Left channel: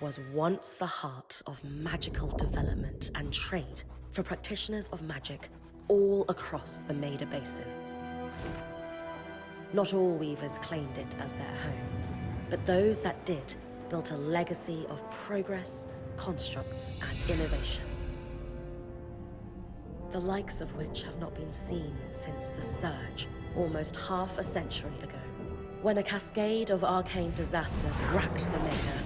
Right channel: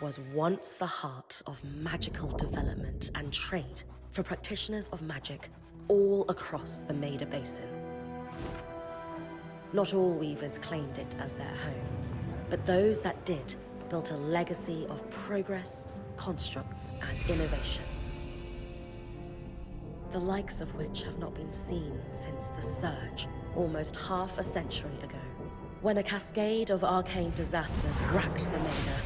was once the heart of magical development and trade for practitioners of magic all across the Maida Basin. Not all weavers claimed it as their home, but those that did built a legacy of progress, constructs, and innovation. The likes of which have not been seen since the Surge, almost half a century ago, when a cascade of arcane disasters racked the Maida,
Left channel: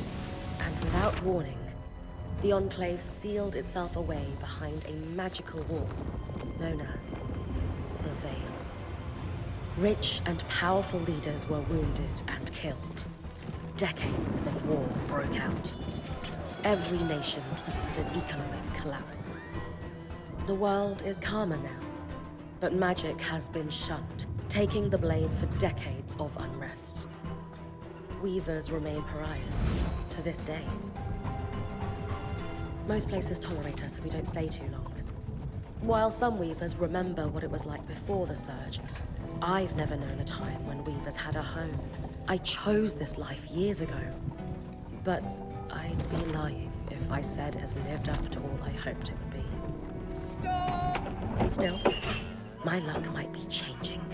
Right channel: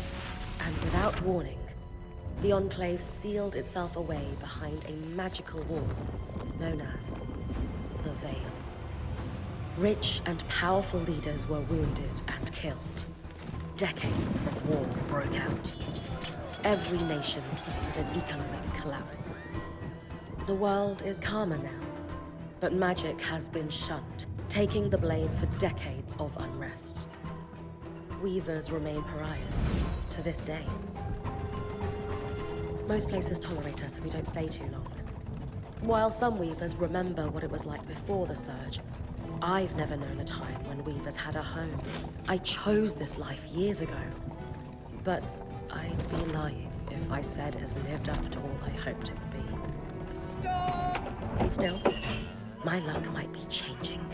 and without warning, the Enclave sealed itself away behind a magical wall known as the Veil. Rich and powerful leaders were wounded and killed. Decades of war broke out. Every nation suffered an economic collapse. The world is calmer now, but magic has been shunned, taking the blame for decades of unrest. Weavers remain pariahs to this day. Most places tolerate us if we don't stay too long. While some weavers remember what it was like before the Surge, I've never known a time when weavers had a home. I chose this life years ago. But I'd be lying if I said it has lived up to all I hoped it would be. Still, my luck might be changing.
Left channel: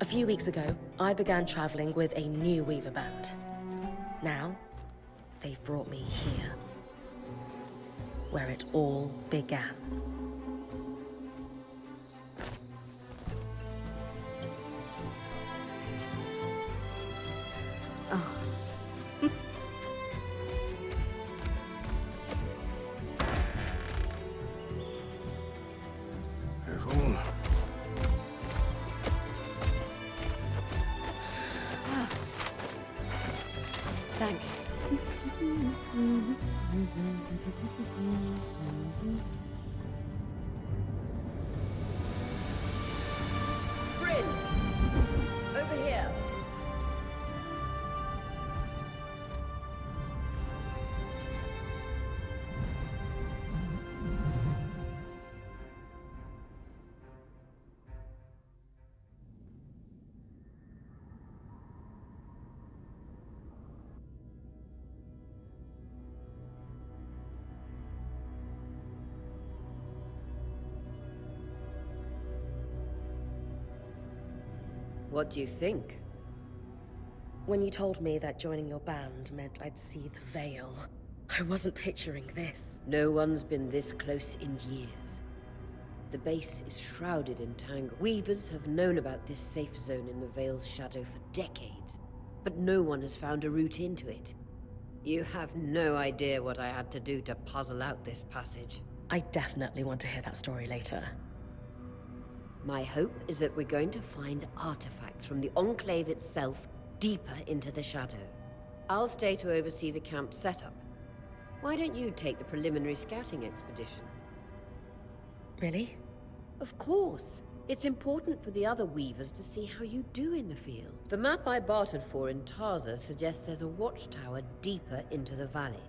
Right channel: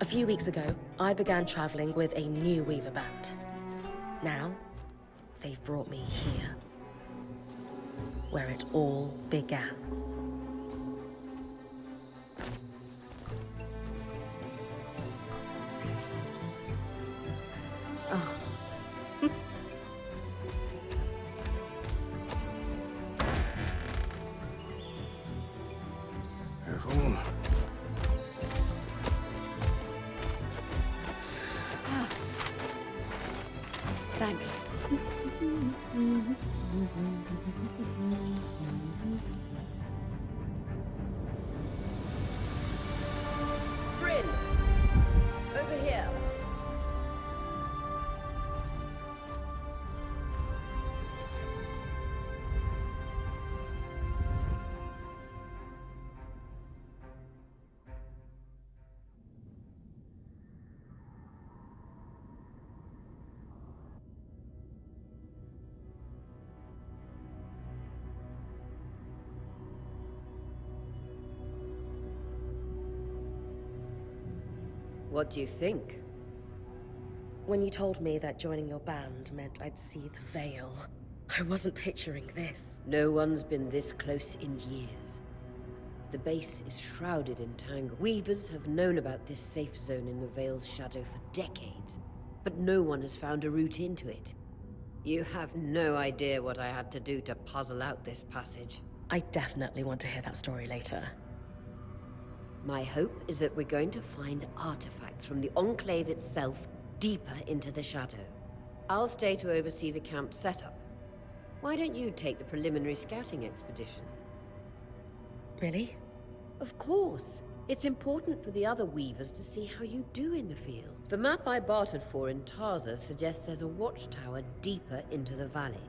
A few weeks ago, I began traveling with a new weaver band. Now, they've brought me here, where it all began. Oh. Careful. Ah. Thanks. Bryn! Over here. What do you think? When you told me that joining your band meant I'd see the Veil, I wasn't picturing this. No one's been this close in years. The base is shrouded in tangle. Weavers have known about this safe zone in the Veil's shadow for decades, but no one has found a route into it. You have no idea what I had to do to puzzle out this passage. I definitely want to hear that story later. My hope is that we're going to find artifacts from the Enclave itself deeper into the shadow. I'll stay to oversee the camp setup. Why don't you take the preliminary scouting expedition? Really? Of course. It's important for the other weavers to see how you do in the field. The map I bartered for in Tarza suggests there's a watchtower deeper into the valley.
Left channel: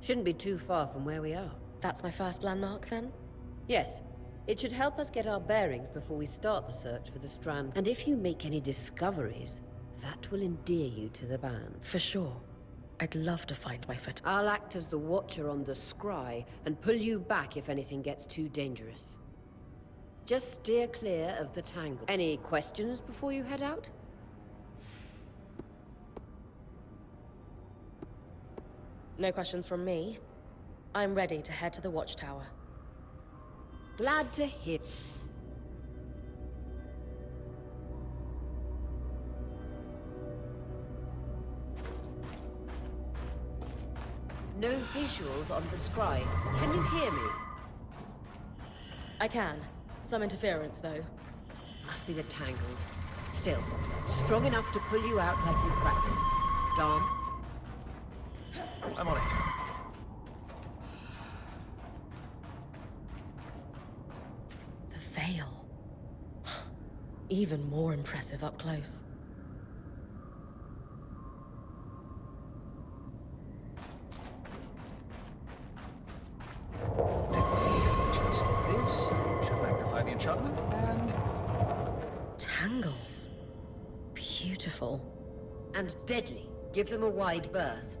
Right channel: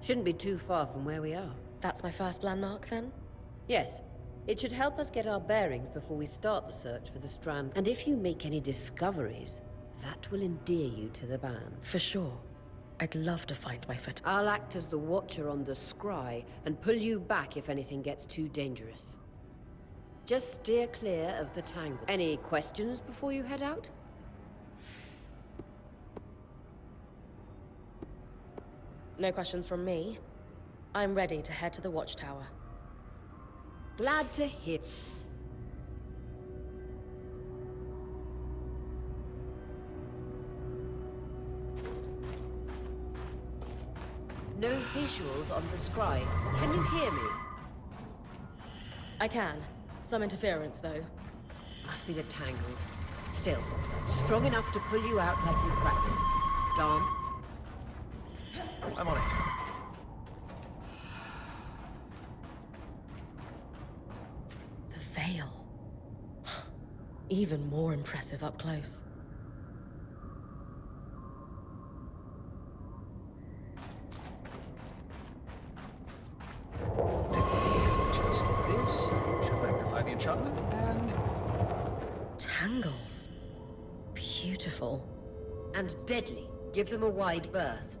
Shouldn't be too far from where we are. That's my first landmark, then? Yes. It should help us get our bearings before we start the search for the Strand. And if you make any discoveries, that will endear you to the band. For sure. I'd love to find my foot. I'll act as the watcher on the scry and pull you back if anything gets too dangerous. Just steer clear of the tangle. Any questions before you head out? No questions from me. I'm ready to head to the watchtower. Glad to hear. No visuals on the scry. Can you hear me? I can. Some interference, though. Must be the tangles. Still, strong enough to pull you out like you practiced. Dom? I'm on it. The Veil. Even more impressive up close. Just this should magnify the enchantment, and Tangles. Beautiful. And deadly. Give them a wide berth.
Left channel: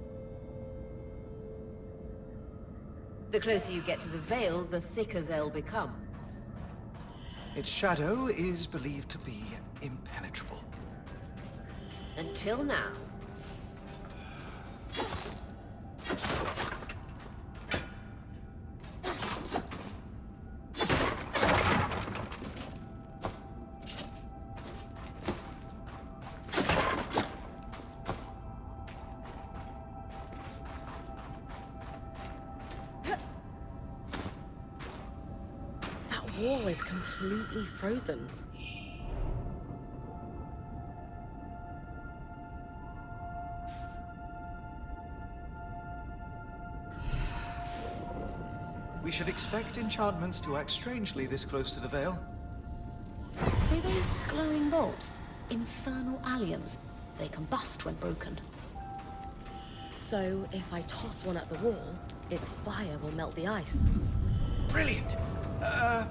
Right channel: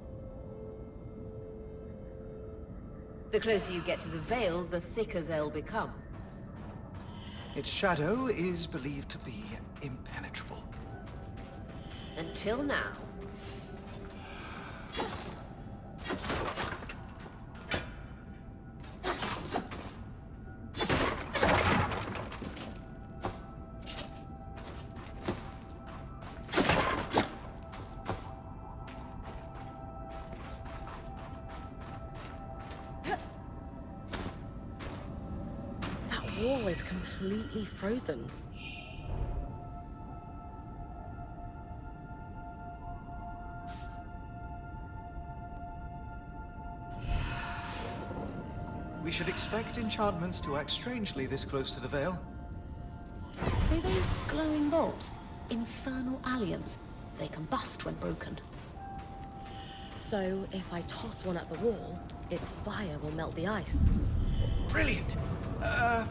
The closer you get to the Veil, the thicker they'll become. Its shadow is believed to be impenetrable. Until now. That wall is completely frozen. We should expect enchantments to act strangely this close to the Veil. See those glowing bulbs? Infernal alliums. They combust when broken. So if I toss one at the wall, its fire will melt the ice. Brilliant!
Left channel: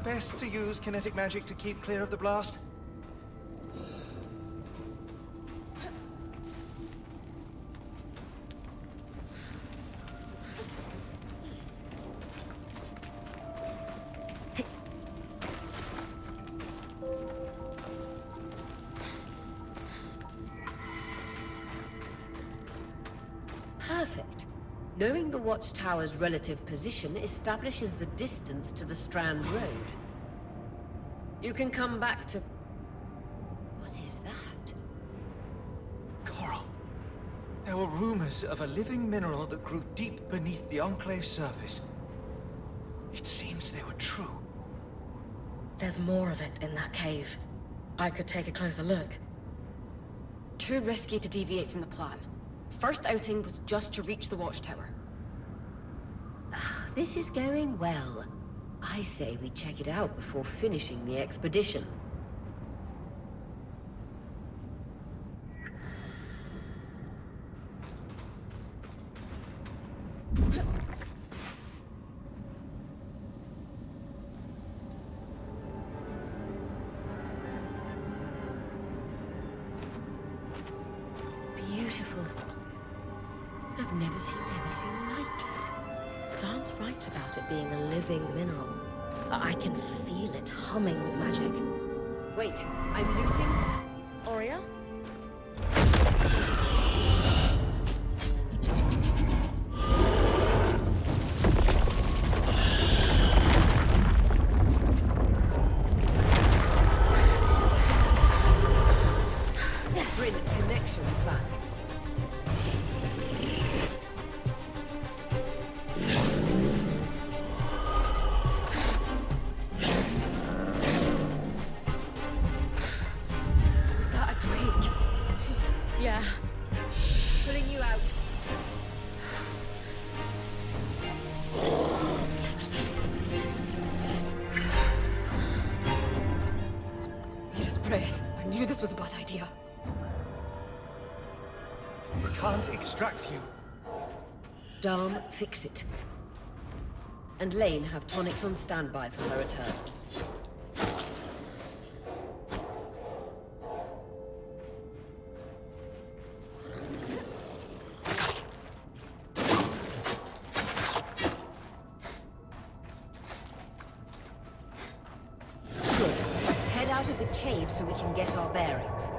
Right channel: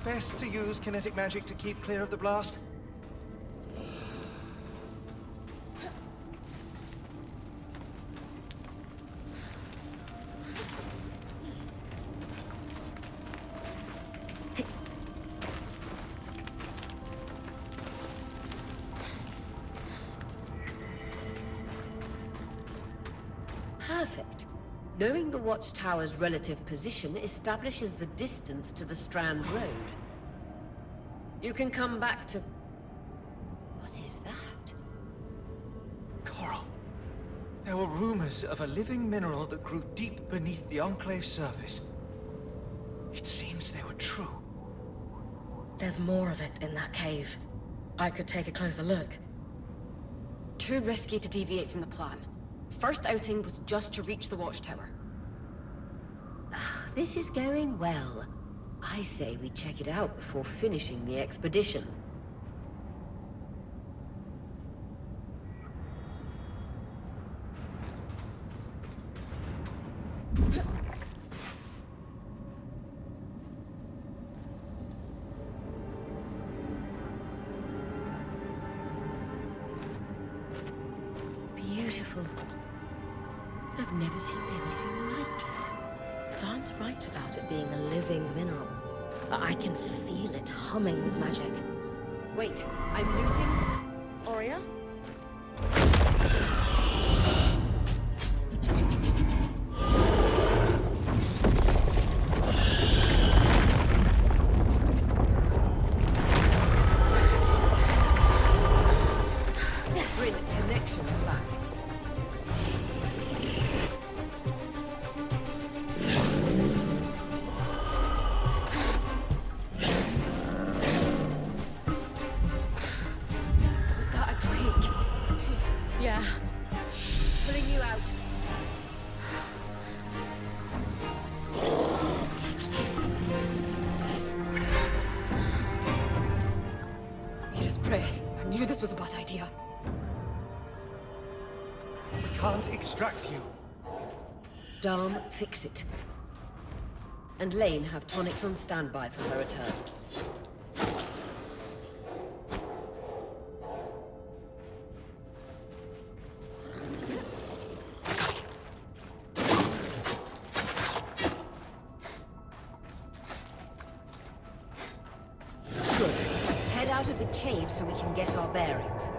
Best to use kinetic magic to keep clear of the blast. Perfect. Knowing the watchtower's relative position establishes the distance to the Strand Road. You can come back to... What is that? Coral. There were rumors of a living mineral that grew deep beneath the Enclave's surface. It seems they were true. There's more of it in that cave. I could take a closer look. Too risky to deviate from the plan. First outing was just to reach the watchtower. This is going well. I say we check it out before finishing the expedition. Beautiful. I've never seen anything like it. Darm's right about it being a living mineral. I can feel it humming with magic. Wait, I'm losing... Aurea? Bring connections back. Was that a drake? Yeah. Pulling you out. Need his breath. I knew this was a bad idea. We can't extract you. Darm, fix it. And Lane have tonics on standby for her return. Good. Head out of the cave so we can get our bearings.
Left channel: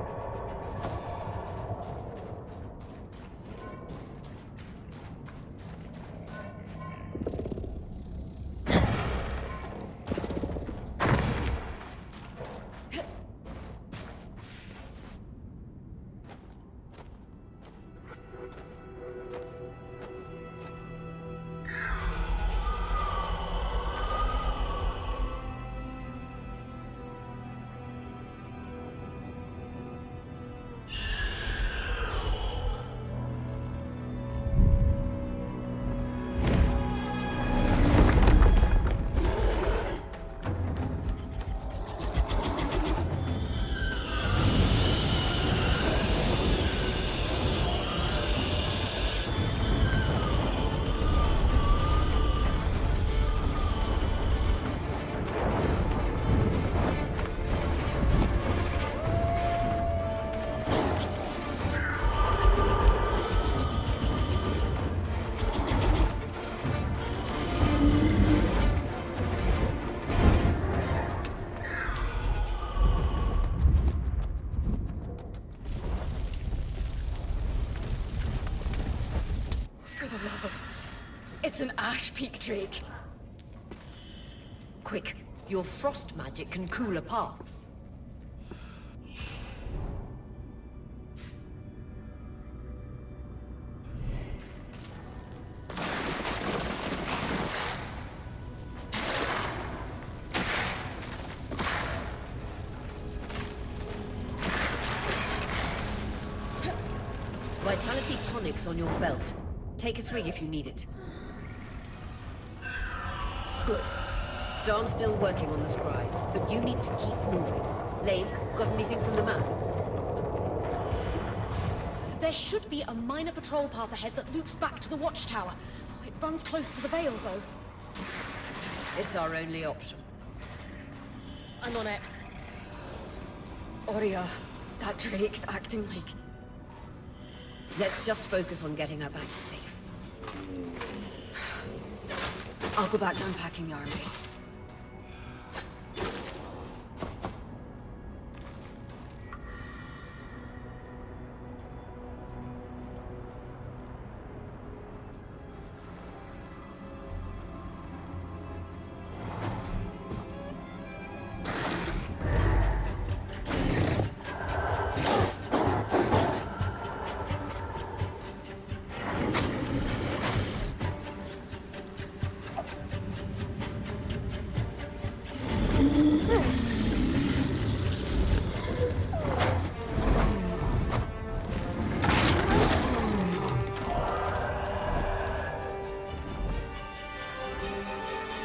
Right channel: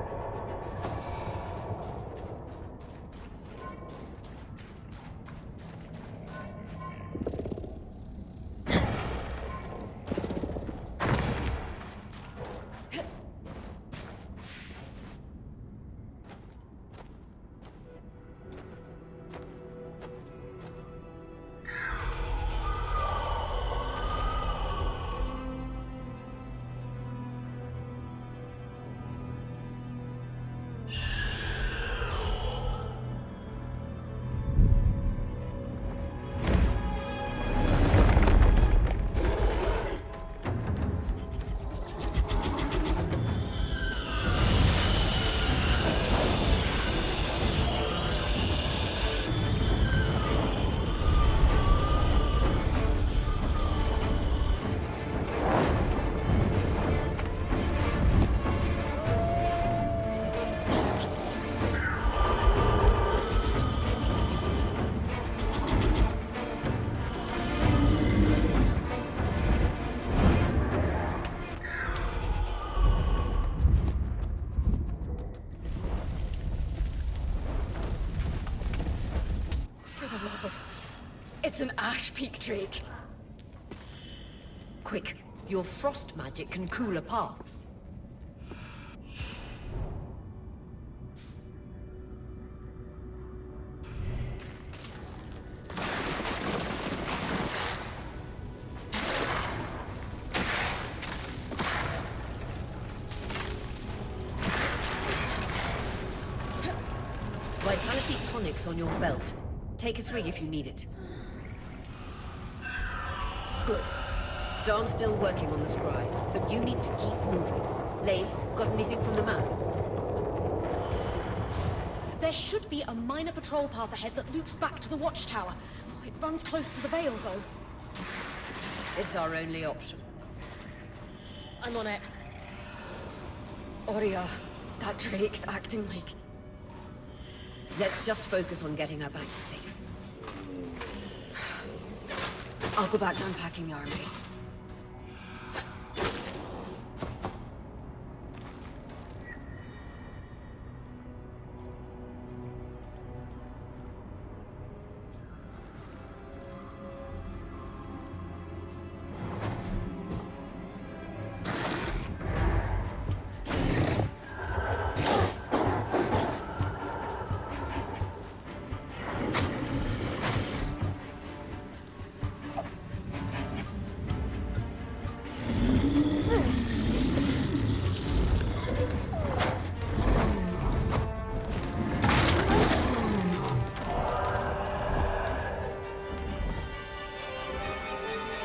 the love of... It's an ash peak drake. Quick, your frost magic can cool a path. Vitality tonics on your belt. Take a swig if you need it. Good. Darn's still working on the scry, but you need to keep moving. Lane, got anything from the map? There should be a minor patrol path ahead that loops back to the watchtower. Oh, it runs close to the Vale, though. It's our only option. I'm on it. Oria, that drake's acting like... Let's just focus on getting her back safe. I'll go back to unpacking the army.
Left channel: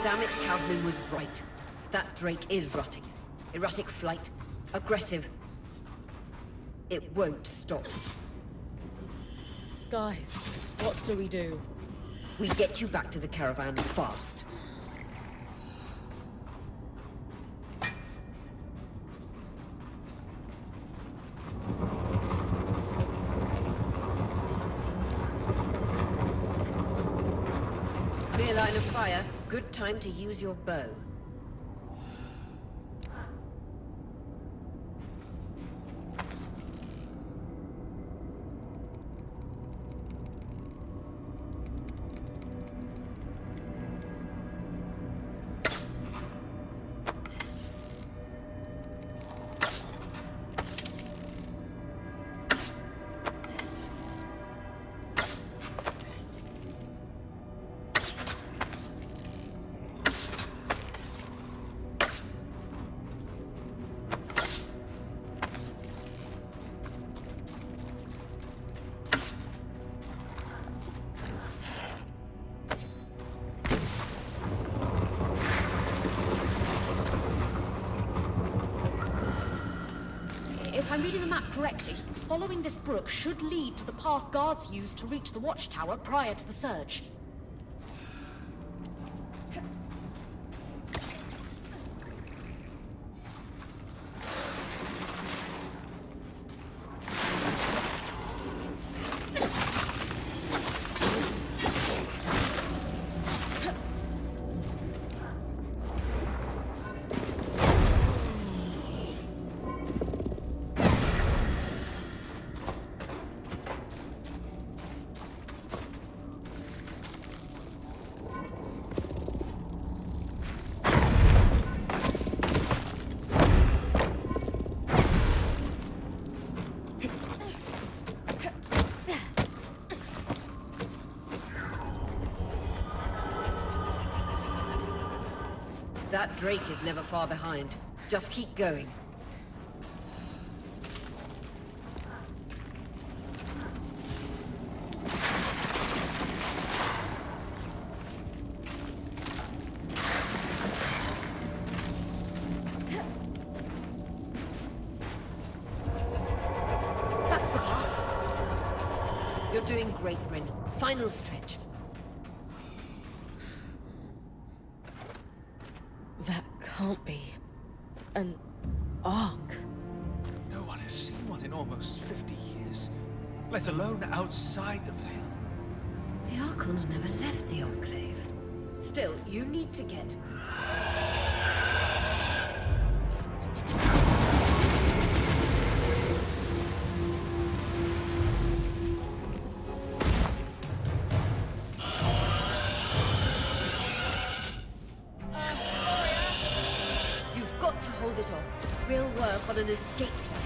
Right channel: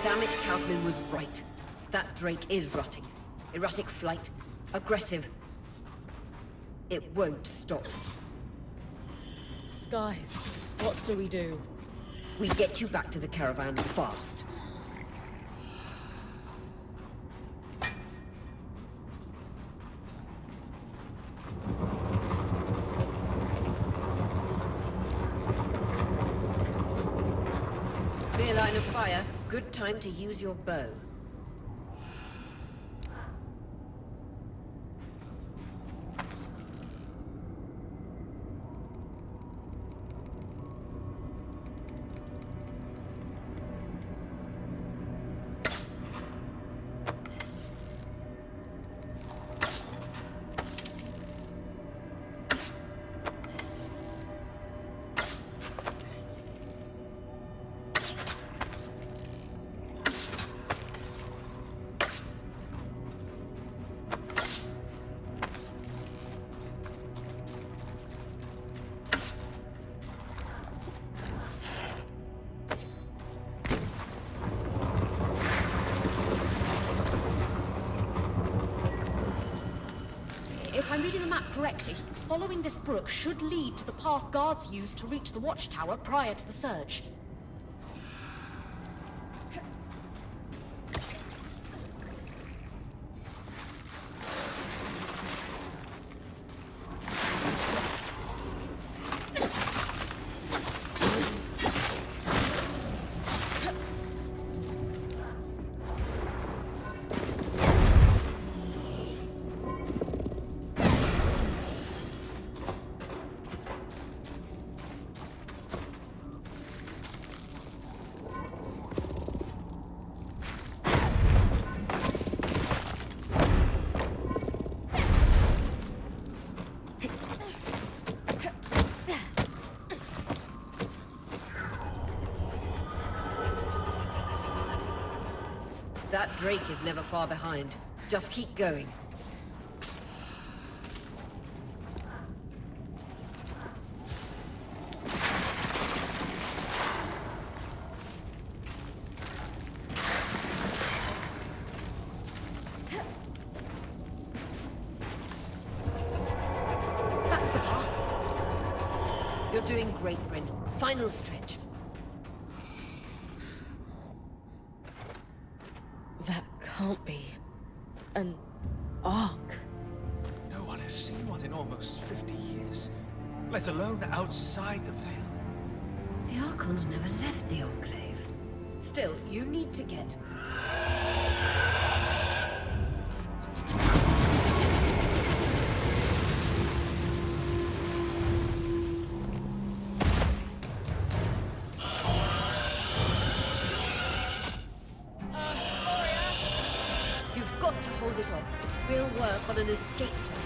Damn it, Casmin was right. That drake is rutting. Erratic flight. Aggressive. It won't stop. Skies, what do we do? We get you back to the caravan fast. Clear line of fire. Good time to use your bow. If I'm reading the map correctly, following this brook should lead to the path guards used to reach the watchtower prior to the surge. That drake is never far behind. Just keep going. That's the path. You're doing great, Bryn. Final stretch. That can't be an ark. No one has seen one in almost 50 years, let alone outside the Vale. The Archons never left the Enclave. Still, you need to get... hold it off. We'll work on an escape plan.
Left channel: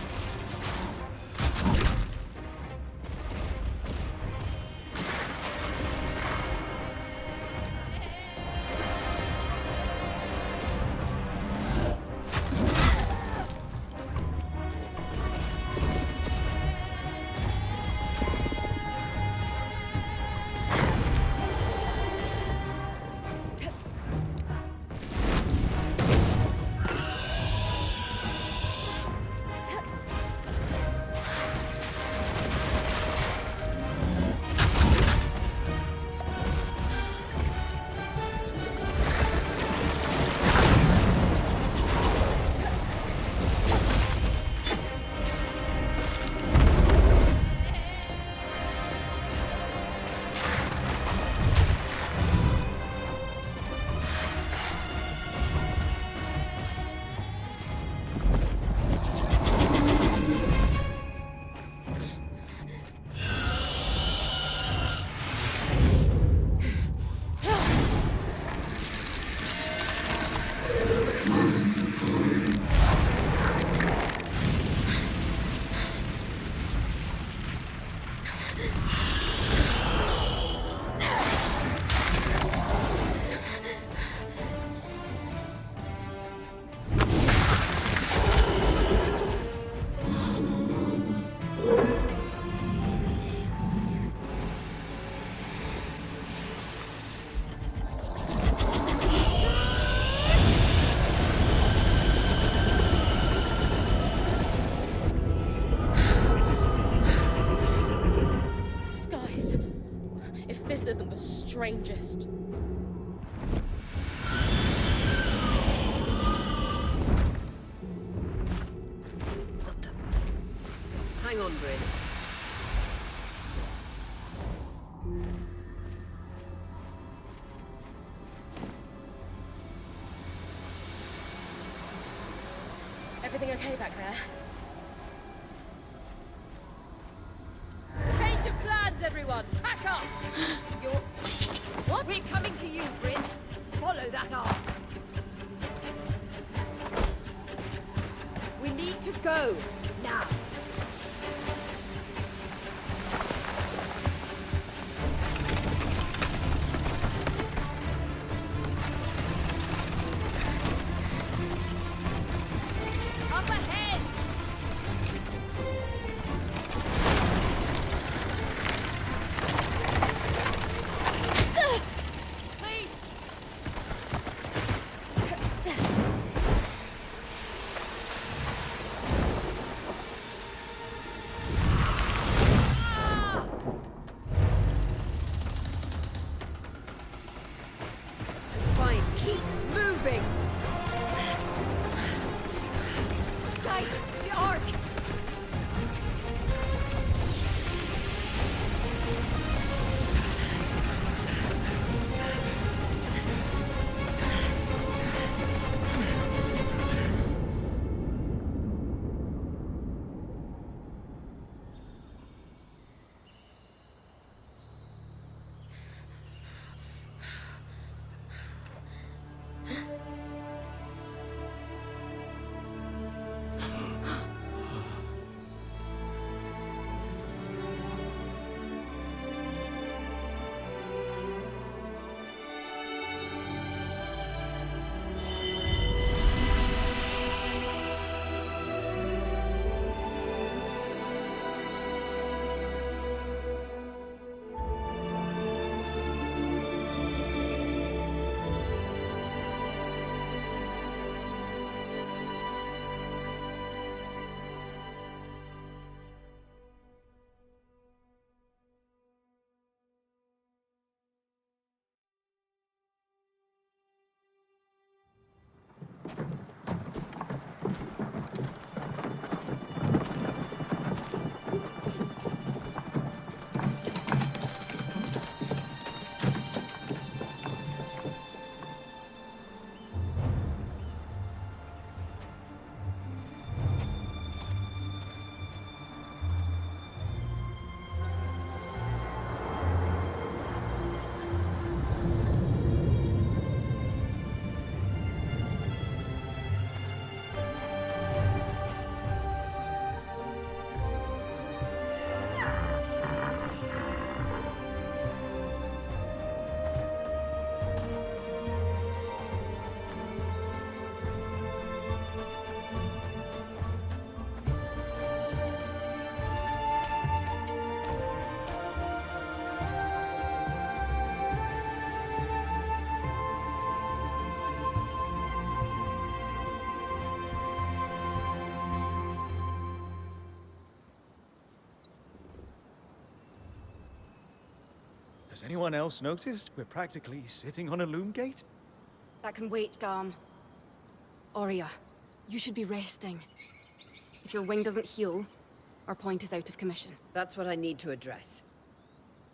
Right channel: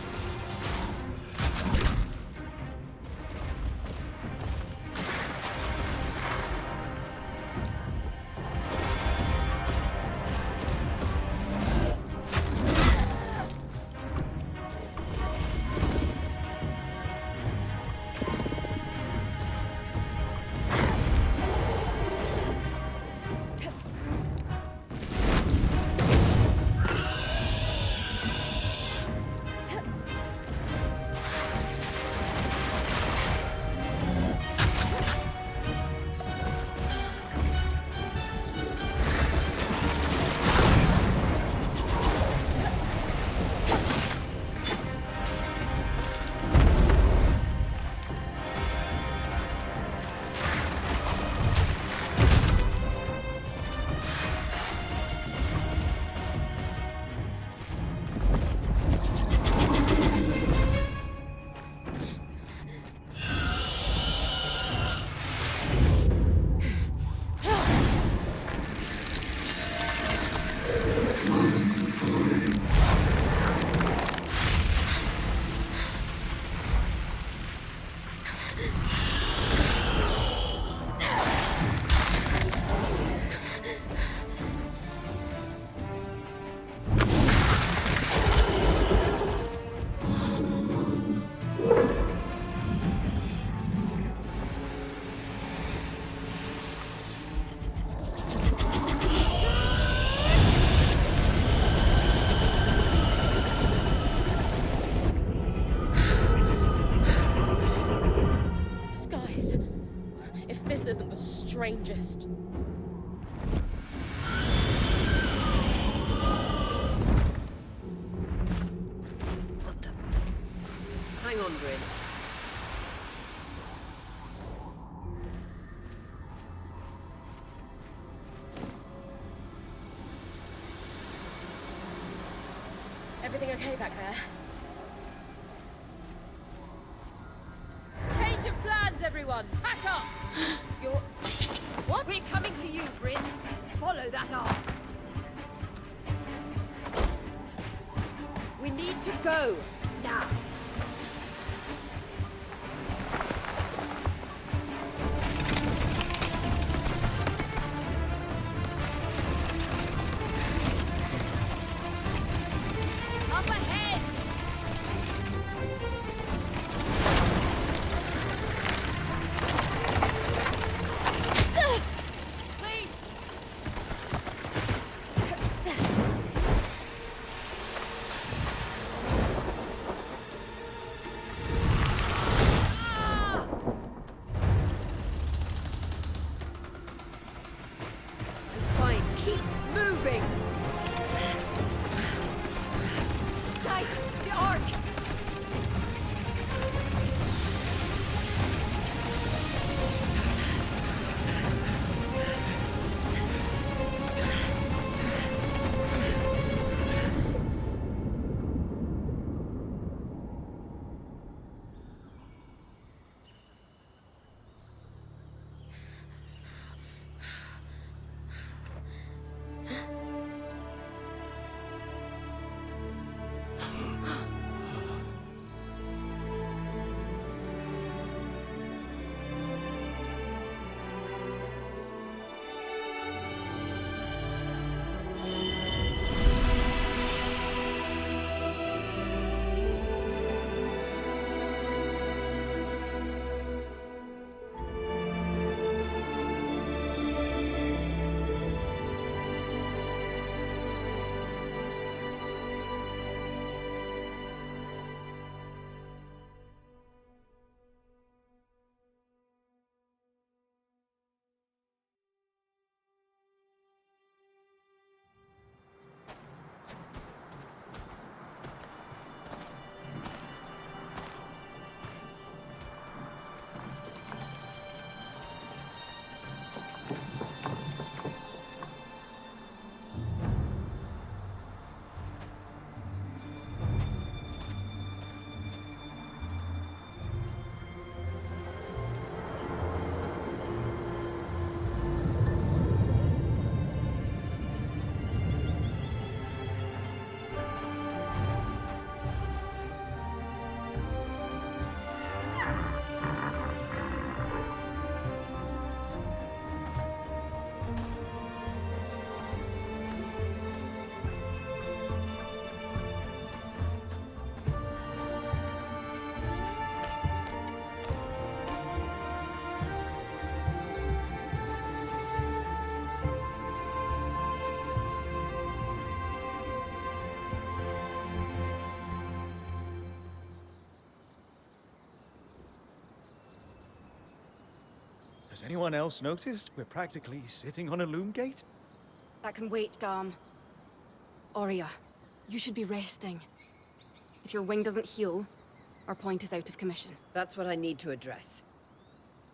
Isn't the strangest. What the? Hang on, Bryn. Everything okay back there? Change of plans, everyone! Pack up! You're... What? We're coming to you, Bryn. Follow that arc. We need to go. Now. Up ahead! Fine, keep moving! Guys, the arc! Has anyone else noticed we're practically sitting on a loom gate? That can wait, Dom. Aurea, you should be resting. If your wing doesn't heal, our point is out of commission. That's what I need to address.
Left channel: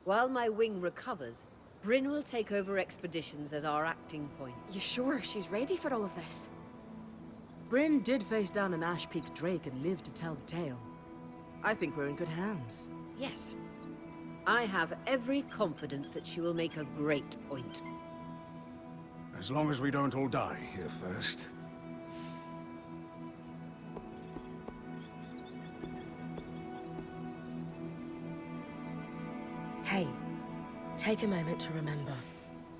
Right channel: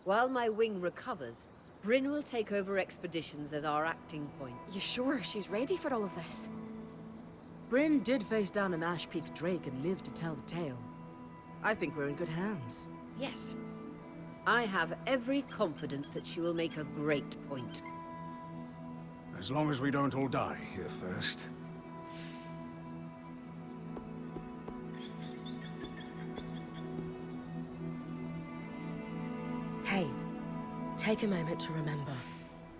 While my wing recovers, Bryn will take over expeditions as our acting point. You sure she's ready for all of this? Bryn did face down an Ash Peak Drake and lived to tell the tale. I think we're in good hands. Yes. I have every confidence that she will make a great point. As long as we don't all die here first. Hey, take a moment to remember.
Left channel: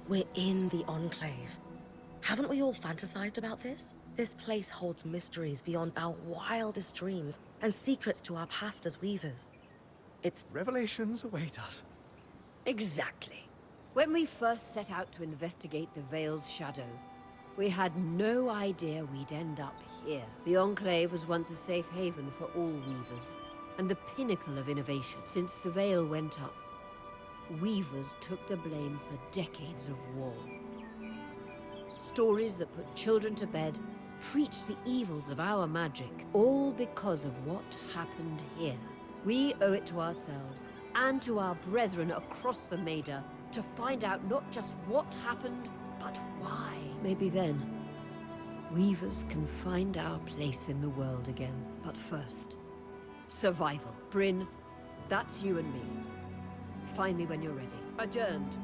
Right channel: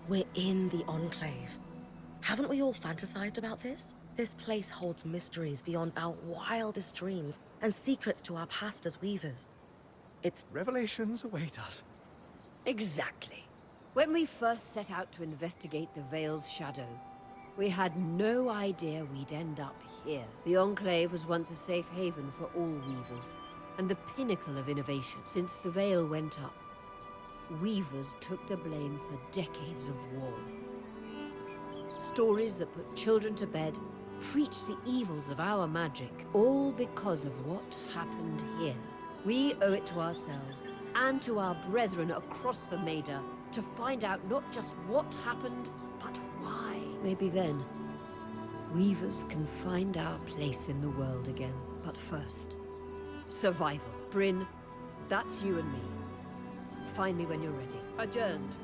We're in the Enclave. Haven't we all fantasized about this? This place holds mysteries beyond our wildest dreams and secrets to our past as weavers. It's... Revelations await us. Exactly. When we first set out to investigate the Veil's shadow, we had no idea we'd end up here. The Enclave was once a safe haven for all weavers, and the pinnacle of innovation. Since the Veil went up, weavers took the blame for decades of war. Stories that put children to bed, preached the evils of our magic, all because of what happened here. We owe it to ourselves and to our brethren across the Maida to find out not just what happened, but why. Maybe then, weavers can find our place in the world again. But first, survival. Bryn, that's you and me. Find me when you're ready. Adjourned.